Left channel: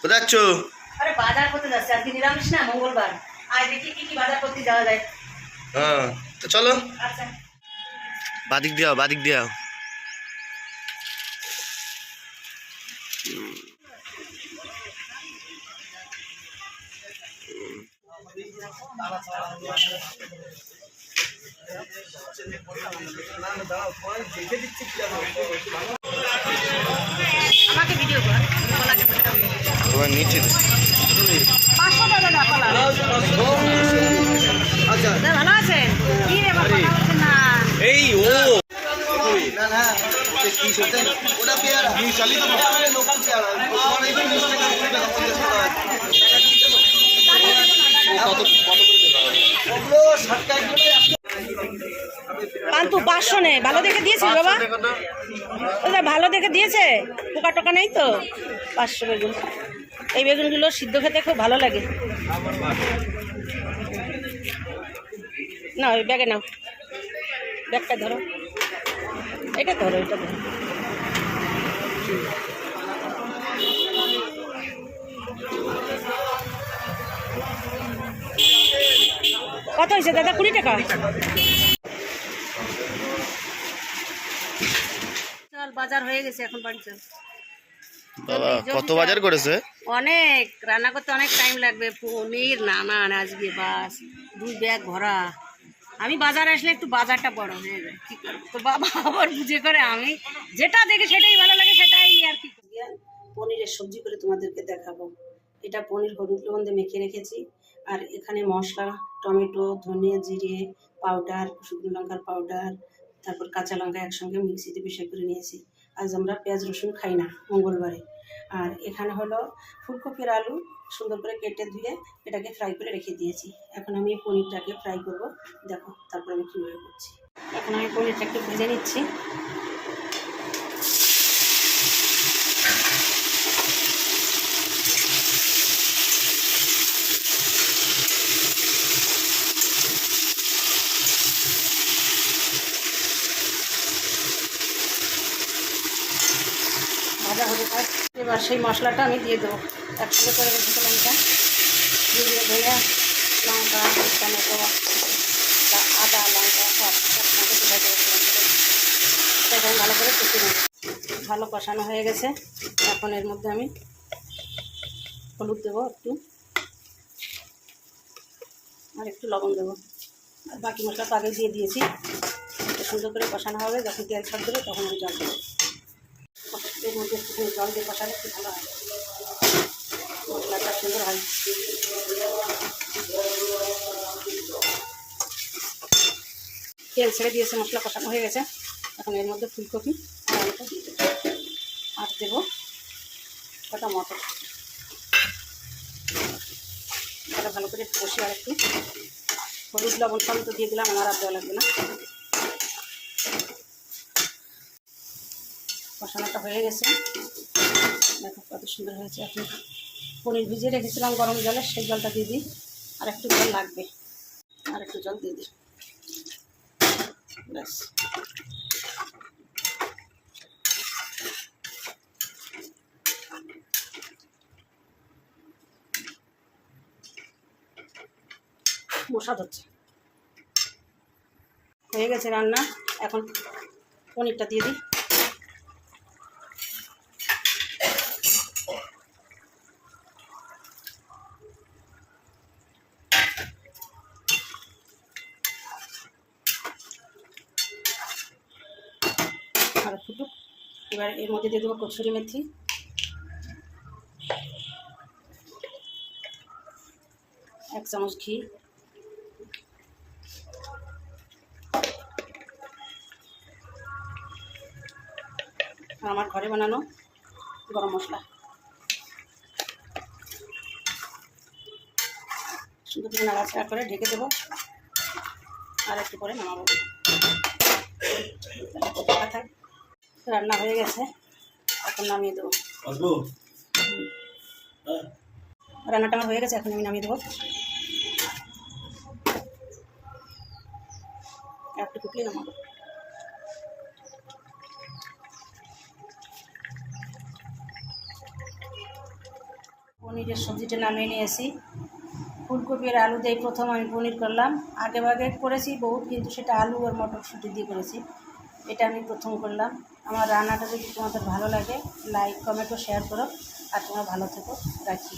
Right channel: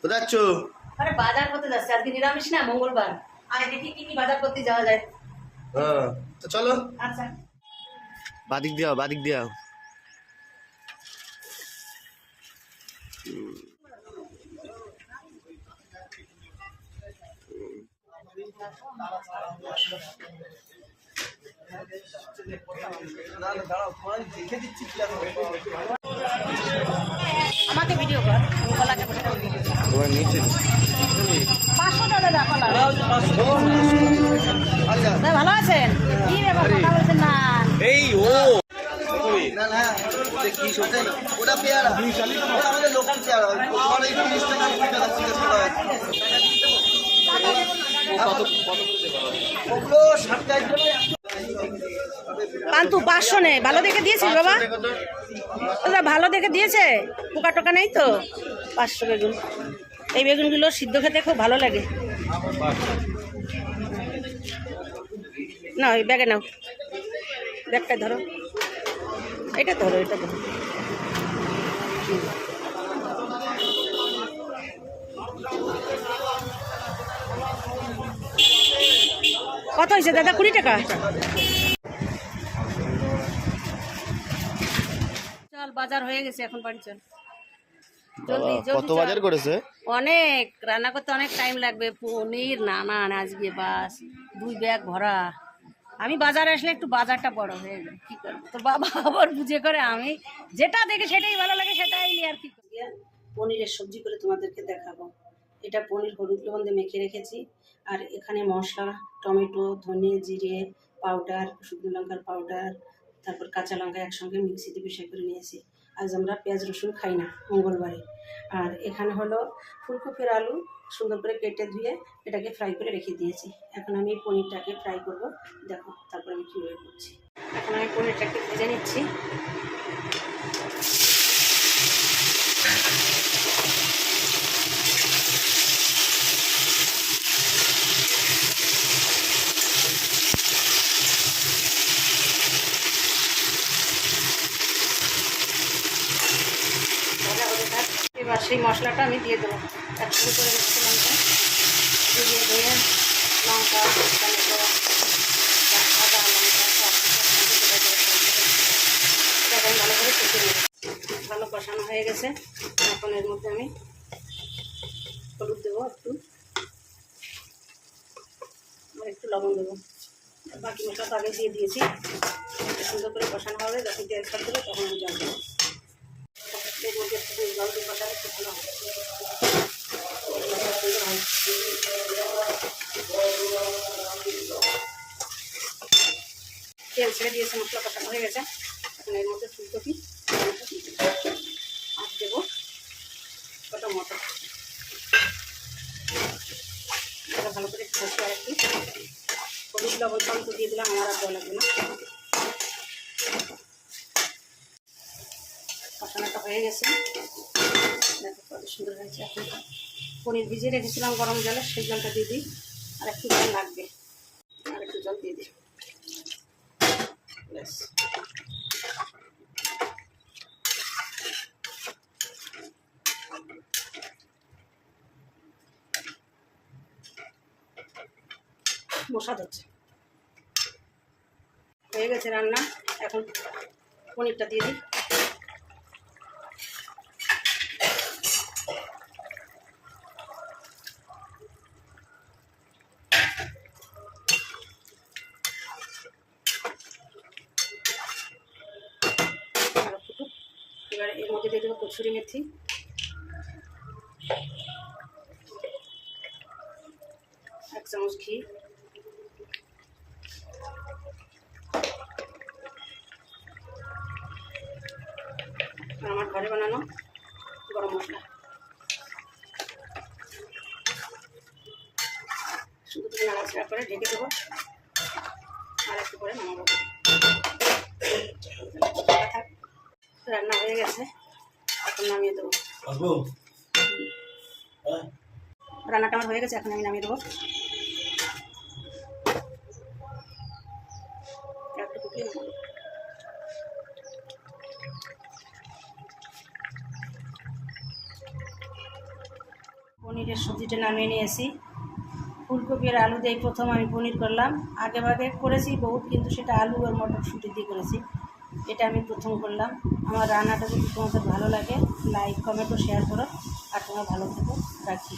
কোথায় যাচ্ছ? আরে বাজার করতে যাচ্ছি, আজকে নিরামিষ না, মঙ্গলবার। আজ দেখি কি কি বাজার করতে যাওয়া যায়। হ্যাঁ, তো চলো। আচ্ছা, বাদিক দিয়াও, বাদিক দিয়াও। আমাকে ভিডিও কর। তোমার নিচে 500 টাকা দাও কলা। আচ্ছা, না, ভালো আছেন? কি রে বাবা, কথা বলছেন না? এই ও না না, ওটা পেয়ারা আমাদের লোকাল পেয়ারা। তোমার এই 30 টাকা 50 টাকা 50 টাকা ওগুলো 60 টাকা কিলো। পান্তু 500 নে, ভালো দেখে দিয়েছিস বাবা? ওটা ভালো দেখে দিয়েছে, পোকা টোকা নেই তো? 500 বেগুন। এই বেগুনগুলো সিদ্ধ খেতে খুব ভালো লাগে। না, ওই ব্যাগে নাও, ব্যাগটা ধরো, এটা ধরো, এটা ধরো। কত হয়েছে দাদা? 20 টাকা। চল, বাজার হয়ে গেছে, এখন বাড়ি চল। বাবা কত বাজার করেছে? অনেক, রান্না করতে অনেক টাইম লাগবে। পনির নানান আজকে, বাস 2 ব্যাগ ভরা। আমি বাজারে আসলে একটু বাজারটা বড় হয়ে যায়, কি করবো? তো বাবা আবার বুঝে করে, আমি যেটা দেখে সেটাই ভালো লাগে, সেটাই নিয়ে আর কি। পনিরের সবজি করে তোমাদেরকে দেখাবো। এটা পনির হলুদ লবণ দিয়ে মেখে রেখেছি, আর এখানে মশলা, টমেটো, ধনে, জিরে পাউডার, শুকনো লঙ্কার পাউডার, তারপর কাঁচা লঙ্কা একসঙ্গে মিক্সিতে পিষে করে নিয়েছি। আজ আমরা পেঁয়াজ রসুন খাই না মঙ্গলবারে। আর এখানে হলো ফুলকপির আলু সুন্দর করে কেটে ধুয়ে এটাকে ফ্রাই করে রেখে দিয়েছি। এখন আমি পনিরটাকে ফ্রাই করব, দেখো তারপর আমি কীভাবে করছি। এখন আমি পনিরটাকে ভেজে নিচ্ছি। ভাজা হয়ে থাক, এবার সেই মশলাটা আমি দিয়ে দেবো। একসঙ্গে করে রেখেছি লঙ্কা দিয়ে ধুয়ে, লঙ্কা, টমেটো, আদা, লঙ্কা সব একসঙ্গে এখন ভালো করে কষে নেব। ভালো কষানো হয়ে গেছে। এখন এর মধ্যে আমি হলুদ দেবো একটু, আর একটু লবণ দেবো, আর বাকি মশলা তো আগে দিয়ে দিয়েছি। সুন্দর করে কষানো হবে, যখন তেল ছাড় দেবে তখন আমি জল দেবো। এর মধ্যে একটু জল দিয়ে কষালে একটু ভালো হয়, মশলাটা সুন্দর হয়। তেল ছেড়ে দিয়েছে, মশলা কষানো হয়ে গেছে। এখন এর মধ্যে ফুলকপি আলুটা দিয়ে দেবো, আর দেবো কটা মটর। এটা ভালো করে কষি, আর একটু হলুদ লবণ তো দিয়ে দিলাম, আমার আর দেওয়া লাগবে না। কষানোটা হয়ে গেছে, দেখো কত সুন্দর হয়েছে। এখন পনির ভিজিয়ে রেখেছিলাম গরম জলে, সেই জলটা দিয়ে দিই। আর একটু জল লাগবে, আর একটু জল দিয়ে দিই, ব্যাস। মশা ধরছে, হয়ে গেছে রান্না। এখন পনিরটা দিয়ে দিই। আর ফুটুক, এবার এর মধ্যে দিয়ে দেবো কসুরি মেথি, এক চামচ ঘি, আর আমার ঘরে বানানো গরম মশলা। সুন্দর করে নাড়াচাড়া করে ঢেকে দেবো, আর একটু পরে নামাবো। থাক, রান্না হয়ে গেছে, এখন নামিয়ে দেবো। রান্নাটা আমার হয়ে গেছে, এখন আমি নামিয়ে দেবো। একটু ফুটলে নামাবো। পনিরের সবজিটা নামিয়ে নিয়েছি। ফুলকপি আর আলু দিয়ে প্রথম আমি পনির করলাম। আগে ভাগে করেছি বহুত, কিন্তু সেটা আলু আর মটরশুঁটি দিয়ে করেছি। এটা আমি প্রথম করলাম। আমার রান্নাটা যদি তোমাদের ভালো লাগে লাইক কমেন্ট ও শেয়ার করো। আর তোমরা ভালো থেকো, রাখি।